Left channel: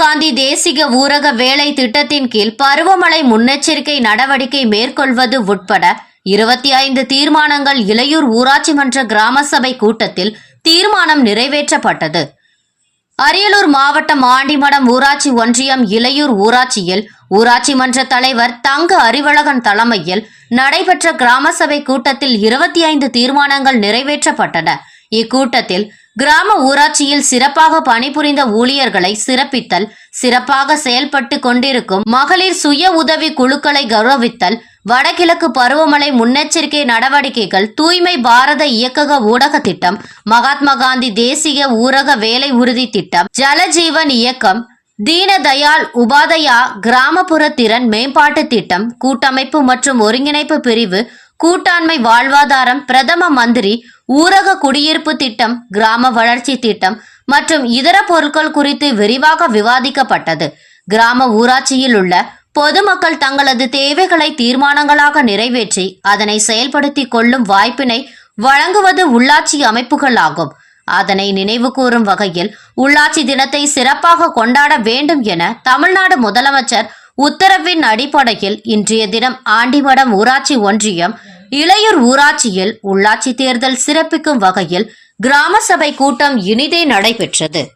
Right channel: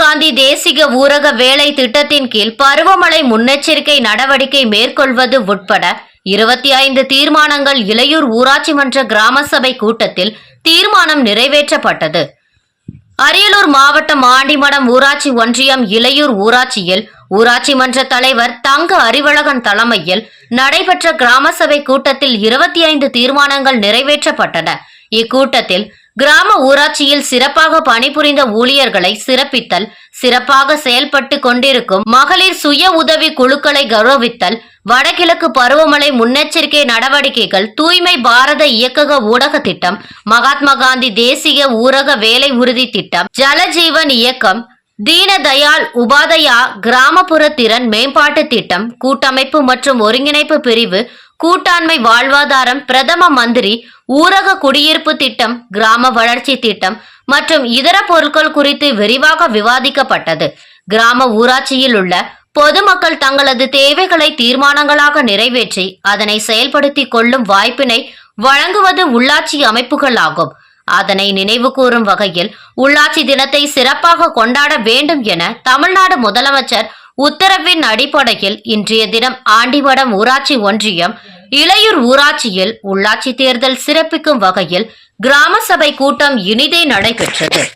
காந்தி தேசிய ஊரக வேலை திட்டத்தின் கீழ் பருவமழை முன்னெச்சரிக்கை நடவடிக்கை மேற்கொள்வது உட்பட இருபத்தி ஐந்து தீர்மானங்கள் இளையூர் ஊராட்சி மன்ற கிராம சபை கூட்டத்தில் தீர்மானம் நிறைவேற்றப்பட்டது. அரியலூர் மாவட்டம் ஆண்டிமடம் ஊராட்சி ஒன்றியம் இளையூர் ஊராட்சியில் ஊராட்சி மன்ற தலைவர் தங்க அறிவழகன் தலைமையில் நடைபெற்ற கிராம சபை கூட்டத்தில் இருபத்தி ஐந்து தீர்மானங்கள் நிறைவேற்றப்பட்டன. இக்கூட்டத்தில் கிராம ஊராட்சியில் சிறப்பாக பணிபுரிந்த ஊழியர்களை சிறப்பித்தல் சிறப்பாக செயல்பட்டு கொண்டிருக்கும் மகளிர் சுய உதவி குழுக்களை கௌரவித்தல் வடகிழக்கு பருவமழை முன்னெச்சரிக்கை நடவடிக்கைகள் தூய்மை பாரத இயக்கக ஊடக திட்டம் மகாத்மா காந்தி தேசிய ஊரக வேலை உறுதி திட்டம் ஜலஜீவன் இயக்கம் தீனதயாள் உபாதயா கிராமப்புற திறன் மேம்பாட்டு திட்டம் கூட்டமைப்பு மற்றும் ஒருங்கிணைப்பு பிரிவு கூட்டாண்மை வாழ்வாதாரம் பிரதம மந்திரி ஊரக குடியிருப்பு திட்டம் கிராம வளர்ச்சி திட்டம் மற்றும் இதர பொருட்கள் குறித்து விரிவாக விவாதிக்கப்பட்டது. கிராம ஊராட்சியில் உள்ள பொதுமக்கள் தங்களது தேவைகளை தீர்மானங்களாக நிறைவேற்றி அதனை செயல்படுத்தி கொள்ளும் வாய்ப்பினை வழங்குவது உள்ளாட்சி அமைப்புகளாகும் அதனை நினைவு கூறும் வகையில் உள்ளாட்சி தினத்தை சிறப்பாக கொண்டாட வேண்டும் என தமிழ்நாடு முதலமைச்சர் உத்தரவின் அடிப்படையில் இன்றைய தினம் ஆண்டிமடம் ஊராட்சி ஒன்றியம் இளையூர் ஊராட்சியில் உள்ளாட்சி தேர்தல் சிறப்பிக்கும் வகையில் கிராம சபை கூட்டம் இனிதே நடைபெற்றது.